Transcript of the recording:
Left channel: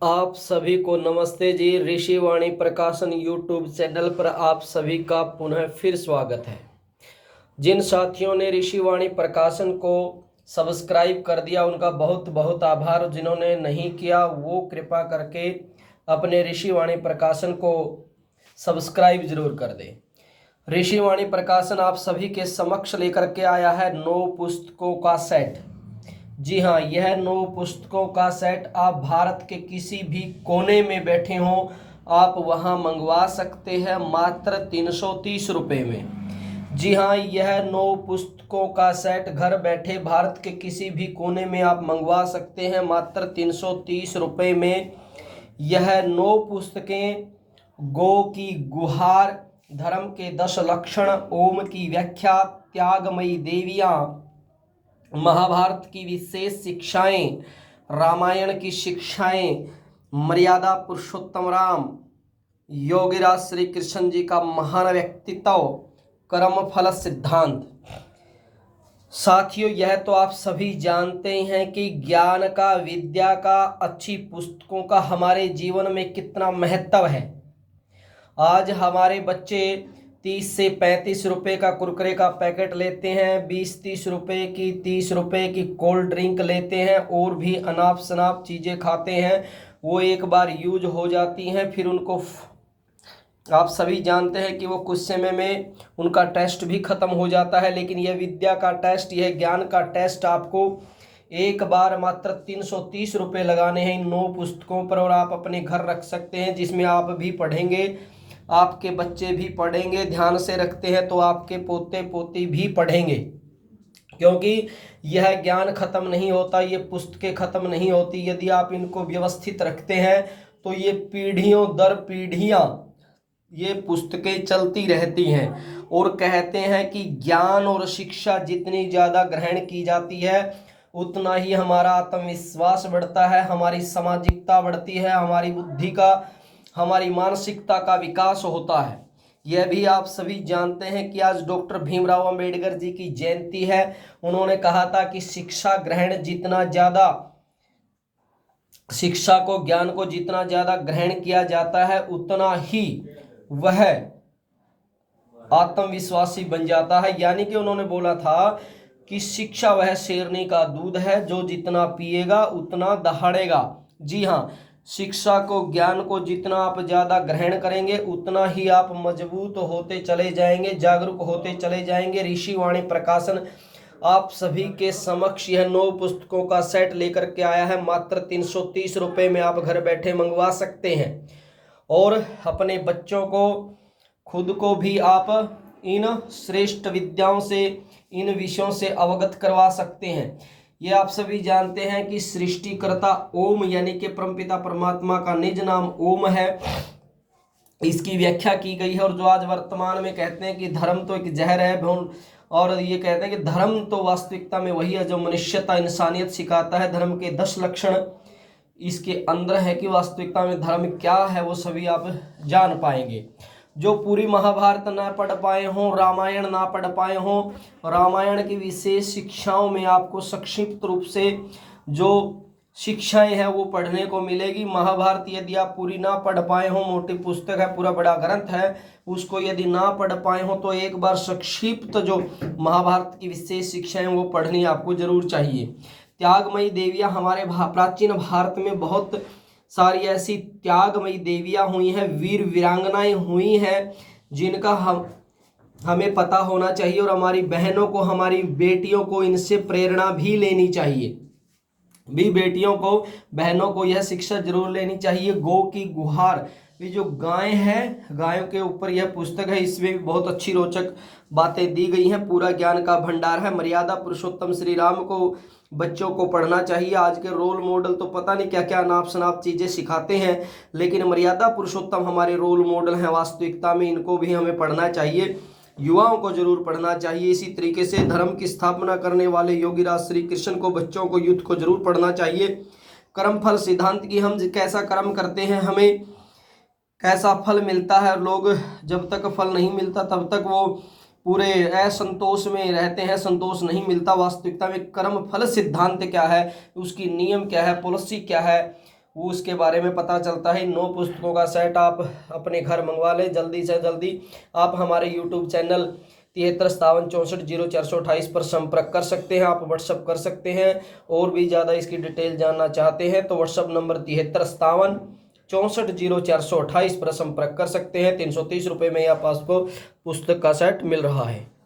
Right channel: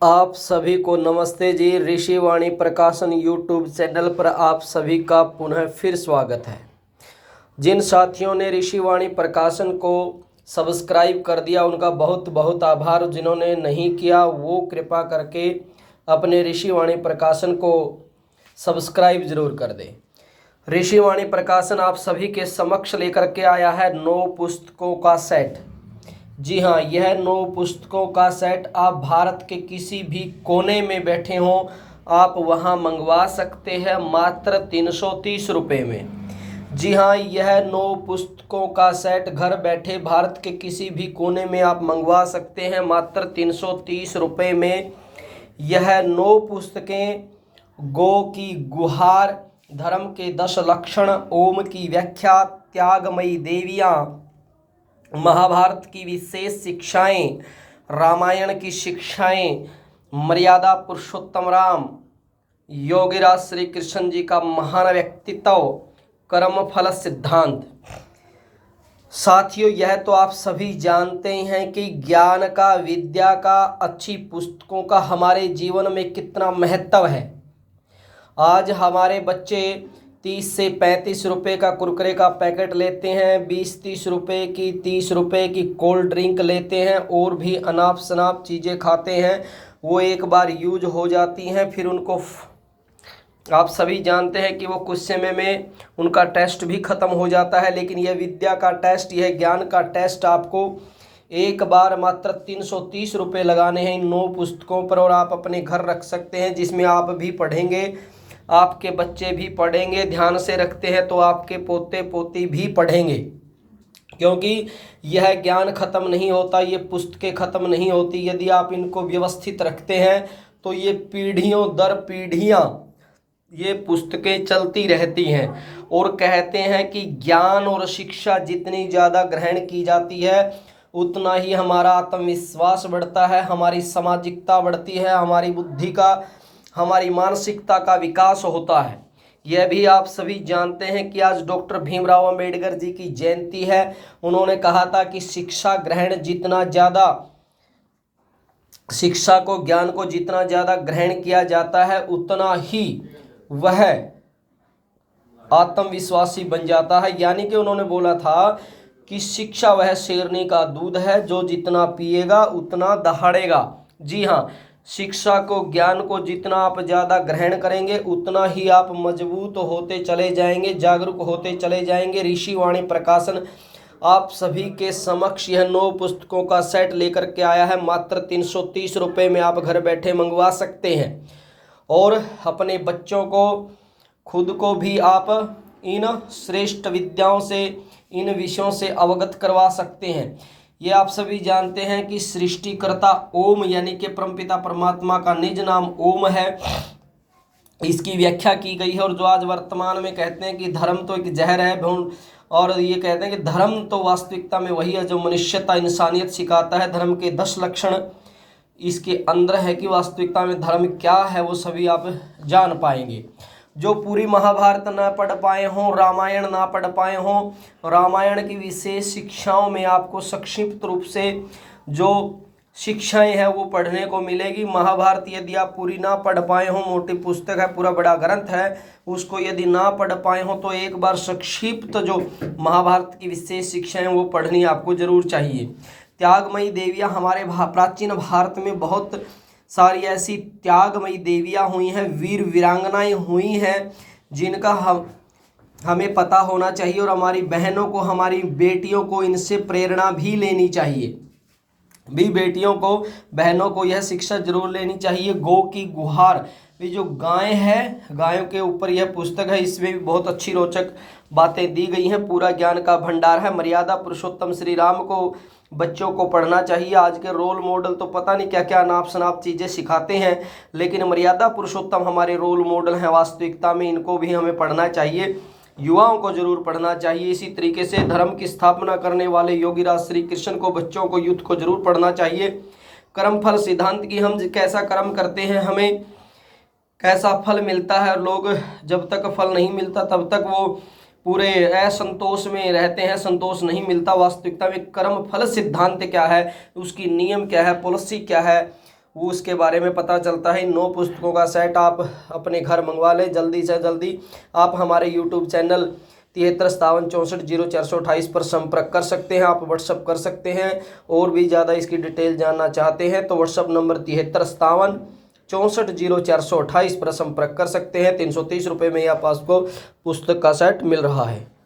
आप सभी को नमस्ते जी। ऋषिवाणी प्रकाशन यूट्यूब चैनल पर आप सभी का पुनः फिर स्वागत है। जिन साथियों ने ऋषिवाणी प्रकाशन को सब्सक्राइब कर दिया उनका बहुत बहुत आभार। जिन्होंने नहीं किया वो कृपा करके अपने ऋषिवाणी प्रकाशन को सब्सक्राइब जरूर कर दें। ऋषिवाणी प्रकाशन आप सभी के समक्ष लेकर के आया है 9 पुस्तकों का सेट। जी हाँ, यह 9 पुस्तकों का सेट आप भारत के किसी भी कोने में बैठे हों आप वहाँ मंगवा सकते हैं मात्र 330 रुपये में। जी हाँ, यह 9 पुस्तकों का सेट घर बैठे भारत के किसी भी कोने में आप मंगवा सकते हैं मात्र 330 रुपये में। यह 9 पुस्तकें गो की गुहार, धर्म के 10 लक्षण, ओम की व्याख्या, त्यागमयी देवियाँ, महाभारत की विशेष शिक्षाएं, रामायण की शिक्षाएं, मर्यादा पुरुषोत्तम राम, योगीराज श्री कृष्ण जी का महान व्यक्तित्व, कर्म फल सिद्धांत। साथियों, यह तो आप सभी जानते हैं कि ज्ञान का, विद्या का, अच्छी पुस्तकों का हमारे जीवन में कितना महत्व है। आज हमारे बच्चे 30 से 35 रुपये का कुरकुरे का पैकेट लेते हैं, 20-30 रुपये की, 30 रुपये की कोल्ड ड्रिंक लेते हैं और भी अनाप शनाप चीज़ें खाते हैं। वो एक बार यूज हो जाती हैं फिर उनको आप सभी जानते हैं कि वो कुछ समय में उनका टेस्ट भी ख़त्म हो जाता है। लेकिन यह विद्या का टेस्ट, यह ज्ञान का टेस्ट आपको एक बार मात्र 330 रुपये लगाने हैं इन 9 पुस्तकों पर और आप अपने घर रख सकते हैं, जिसमें आप भी पढ़ेंगे, आपके बच्चे भी पढ़ेंगे। ध्यान से रखते हैं तो आपके पोते पोती भी पढ़ेंगे, क्योंकि यह ज्ञान खत्म नहीं होता, ये पुस्तकें खत्म नहीं होती। यदि आप इनको व्यवस्थित रखते हैं तो ये पीढ़ियों दर पीढ़ियाँ ये पुस्तकें चलती रहती हैं। और कहते हैं कि ज्ञान और शिक्षा जितनी ज़्यादा ग्रहण की जाती है उतना ही हमारा आत्मविश्वास बढ़ता है, हमारी सामाजिकता बढ़ती है, हमारी बुद्धि का, हमारी मानसिकता का विकास होता है। यह भी आप सभी जानते हैं कि आज डॉक्टर भीमराव अंबेडकर जी की जयंती है। उन्होंने कहा था कि शिक्षा ग्रहण जितना ज़्यादा, शिक्षा को, ज्ञान को जितना ज़्यादा ग्रहण किया जाता है उतना ही वह आत्मविश्वासी बन जाता है। यानी कि उन्होंने बोला था कि शिक्षा वह शेरनी का दूध है, जो जितना पिएगा उतना दहाड़ेगा। जी हाँ, शिक्षा को, ज्ञान को जितना आप ज़्यादा ग्रहण करेंगे उतना ही आप मजबूत होते चले जाएंगे, जागरूक होते चले जाएंगे। ऋषिवाणी प्रकाशन आप सभी के समक्ष यह 9 पुस्तकों का सेट लेकर के आया है। मात्र 330 रुपये में आप घर बैठे मंगवा सकते हैं और अपने बच्चों को, खुद को भी आप इन श्रेष्ठ विद्याओं से, इन विषयों से अवगत करवा सकते हैं। ये आप सभी जानते हैं कि सृष्टिकर्ता ओम यानी कि परमपिता परमात्मा का निज नाम ओम है, इसकी व्याख्या की गई है। और जो आज वर्तमान में कहते हैं कि धर्म तो एक जहर है, और ये कहते हैं कि धर्म तो वास्तविकता में वही है जो मनुष्यता, इंसानियत सिखाता है। धर्म के 10 लक्षण इसके अंदर है कि वास्तविकता में धर्म क्या है वो सभी आप जान पाएंगे। जो पूरी महाभारत ना पढ़ पाए हों, रामायण ना पढ़ पाए हों, रामायण की विशेष शिक्षाओं में आपको संक्षिप्त रूप से जो शिक्षाएं हैं वो पढ़ने को मिलेगी। महाभारत यदि आप पूरी ना पढ़ पाए हों, मोटी पुस्तक है, पूरा बड़ा ग्रंथ है, उसको यदि ना पढ़ पाए हों तो एक बार संक्षिप्त जो महाभारत की विशेष शिक्षाएं वो पढ़नी आपको जरूर चाहिए। त्यागमयी देवियाँ, हमारे प्राचीन भारत में बहुत सारी ऐसी त्यागमयी देवियाँ हुई हैं, वीर वीरांगनाएं हुई हैं, जिनका हमें पता होना चाहिए और हमारी बहनों को, हमारी बेटियों को इनसे प्रेरणा भी लेनी चाहिए। भी बेटियों को, बहनों को यह शिक्षा जरूर लेनी चाहिए। गो की गुहार, ये जो गाय है, गायों के ऊपर यह पुस्तक है, इसमें भी बहुत अच्छी रोचक बातें दी गई हैं, पूरा ज्ञान का भंडार है। मर्यादा पुरुषोत्तम श्री राम को बच्चों को पढ़ना चाहिए। आज के रोल मॉडल तो पता नहीं क्या क्या नाप शनाप चीज़ें सिखाते हैं, लेकिन मर्यादा पुरुषोत्तम हमारे रोल मॉडल हैं वास्तविकता में, इनको भी हमें पढ़ना चाहिए, युवाओं को जरूर पढ़ना चाहिए। इसी तरीके से धर्म की स्थापना करने वाले योगीराज श्री कृष्ण को, बच्चों को, यूथ को जरूर पढ़ना चाहिए। कर्म फल सिद्धांत की, हम कैसा कर्म करते हैं हमें कैसा फल मिलता है। लोग जब तक फल नहीं मिलता तब तक वो पूरे असंतोष में रहते हैं, संतोष नहीं मिलता। वास्तविकता में कर्म फल सिद्धांत क्या है, उसकी नियम क्या है, पॉलिसी क्या है, उसके बारे में पता चलता है। 9 पुस्तकों का सेट आप अपने घर मंगवा लें जल्दी से जल्दी। आप हमारे यूट्यूब चैनल 7357640428 पर संपर्क कर सकते हैं, आप व्हाट्सअप कर सकते हैं। और भी ज़्यादा इसकी डिटेल जानना चाहते हैं तो व्हाट्सअप नंबर 7357640428 पर संपर्क कर सकते हैं। 330 रुपये में आपको पुस्तक का सेट मिल रहा है।